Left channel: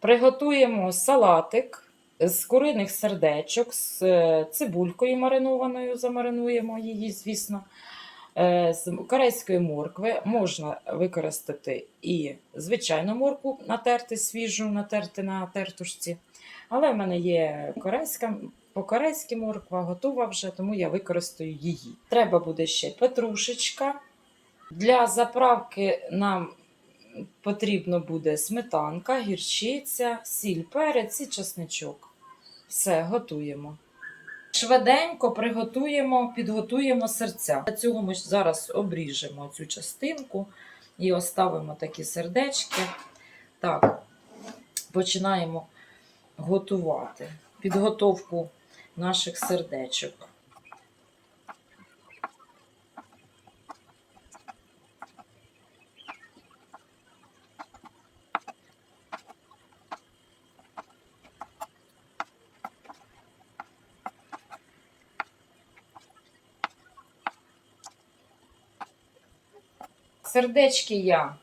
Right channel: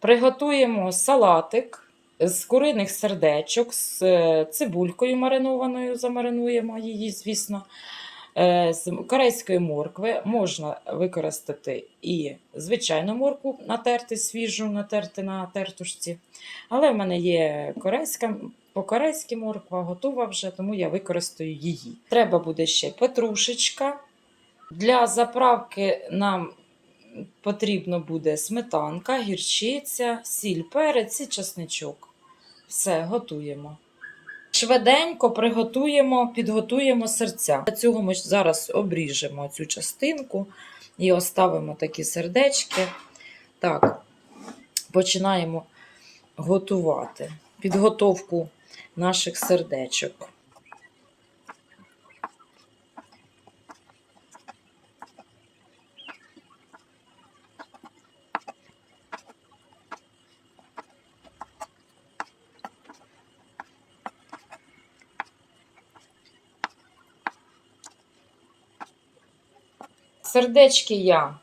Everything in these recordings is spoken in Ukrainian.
Приготуємо салатик з куриних сердечок, з е, цибулькою маринованою, замаринуємо її, звісно. Е, З корейської моркви можна використати і звичайну моркву, натерти свіжу, натерти на тертушці. Але в мене є корейська, по-корейськи морква готова вже, тому я використаю її. Треба буде ще петрушечка. Для заправки нам потрібно буде сметанка, гірчиця, сіль, перець і чесничок. Все, готуємо. Швиденько приготуємо, підготуємо серця. Для цього ми зараз обріжемо цю частинку і оставимо такі сердечки. Так, починаємо готувати підготовку наших сердечок. Сердечки я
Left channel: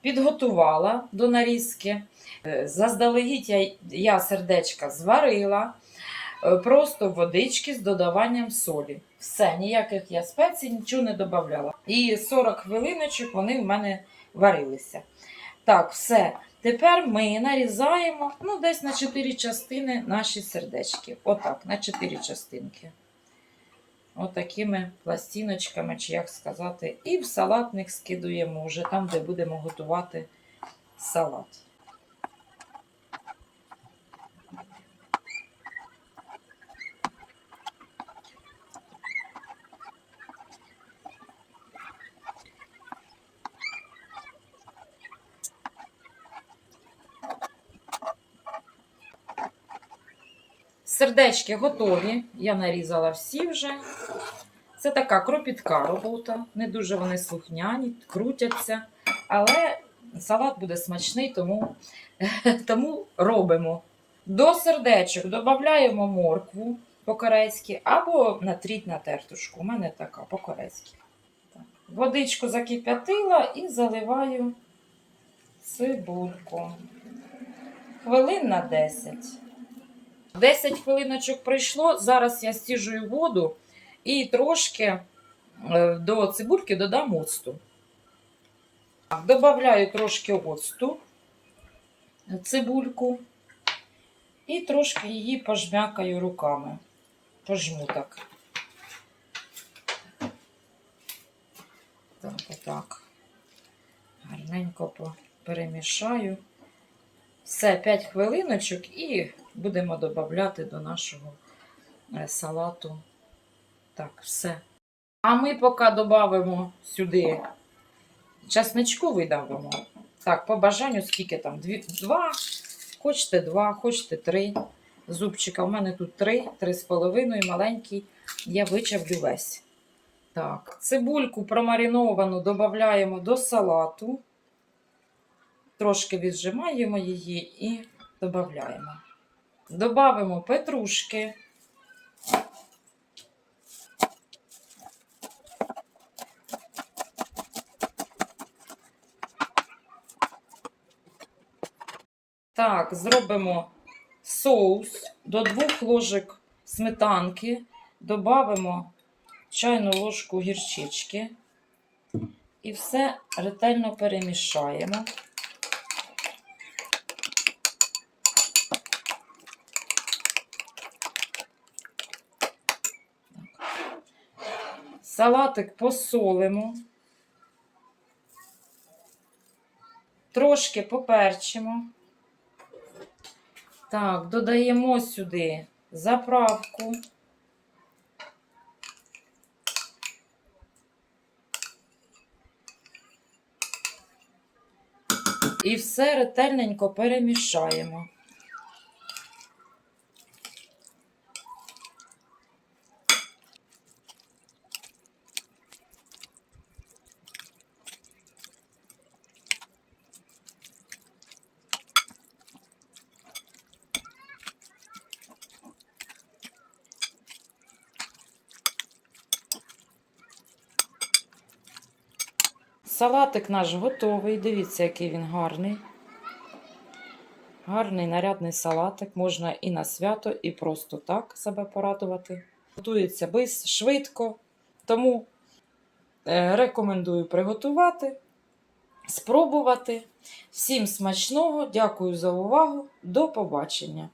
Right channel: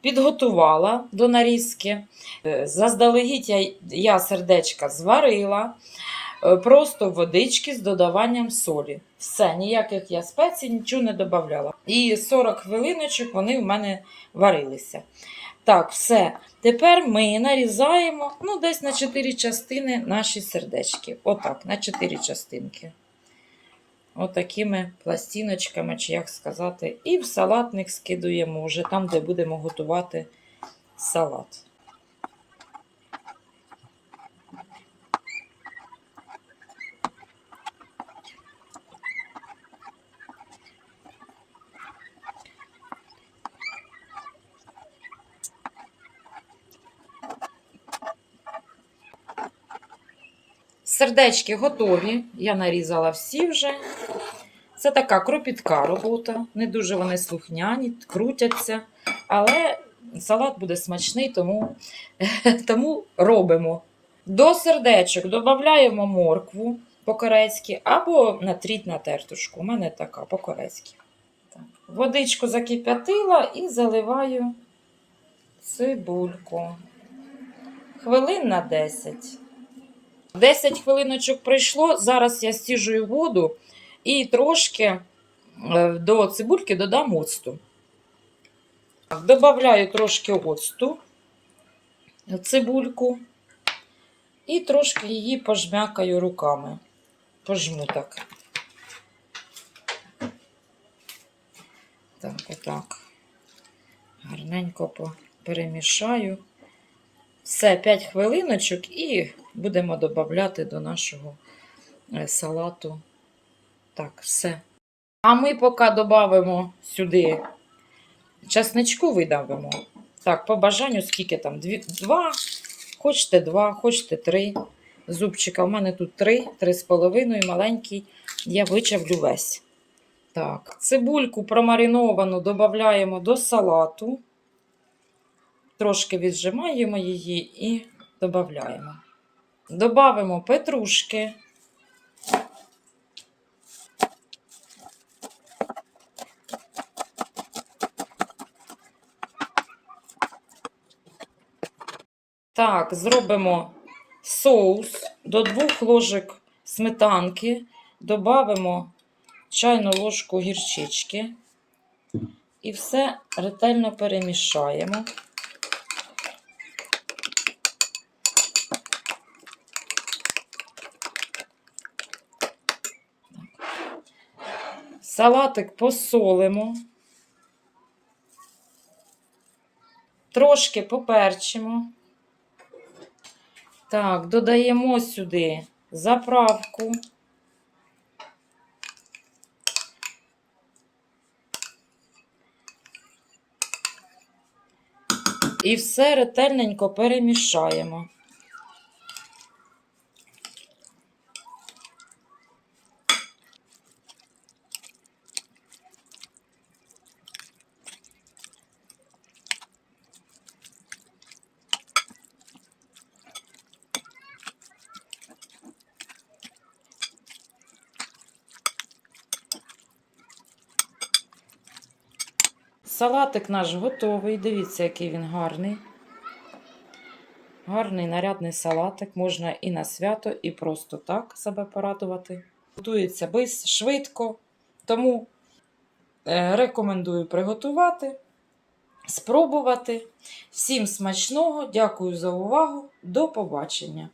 підготувала до нарізки. Е, Заздалегідь я, я сердечка зварила, е, просто водички з додаванням солі. Все, ніяких я спецій, нічого не додавала. І 40 хвилиночок вони в мене варилися. Так, все. Тепер ми нарізаємо ну, десь на 4 частини наші сердечки. Отак, на 4 частинки. Отакими пластиночками, чи як сказати, і в салатник скидуємо вже там, де будемо готувати салат. Сердечки готові. Я нарізала всі вже. Це така кропітка робота. Не дуже вони слухняні, крутяться. Але салат буде смачний, тому, тому робимо. До сердечок додаємо моркву по-корейськи або натріть на тертушку. У мене така по-корейськи. Так. Водичку закип'ятила і заливаю цибульку. Хвилин на 10. 10 хвилиночок пройшло. Зараз я стіжую воду і трошки е, до цибульки додам оцту. Добавляю трошки оцту, цибульку, і трошки її пожмякаю руками. Пожму так. Так, отак. Гарненько перемішаю. Все, 5 хвилиночок і будемо додати до нашого е, салату. Так, все. А ми поки додамо сюди часничку видавимо. Так, по бажанню, скільки там? Дві, два, хочете два, хочете три зубчика. У мене тут три, три з половиною, маленький. Я вичавлю весь. Так, цибульку промариновану додаємо до салату. Трошки віджимаємо її і додаємо. Добавимо петрушки. Так, зробимо соус до двох ложок сметанки, додамо чайну ложку гірчички і все ретельно перемішаємо. Салатик посолимо. Трошки поперчимо. Так, додаємо сюди заправку. І все ретельненько перемішаємо. Салатик наш готовий. Дивіться, який він гарний. Гарний нарядний салатик. Можна і на свято, і просто так себе порадувати. Готується бис, швидко. Тому е, рекомендую приготувати, спробувати. Всім смачного, дякую за увагу. До побачення!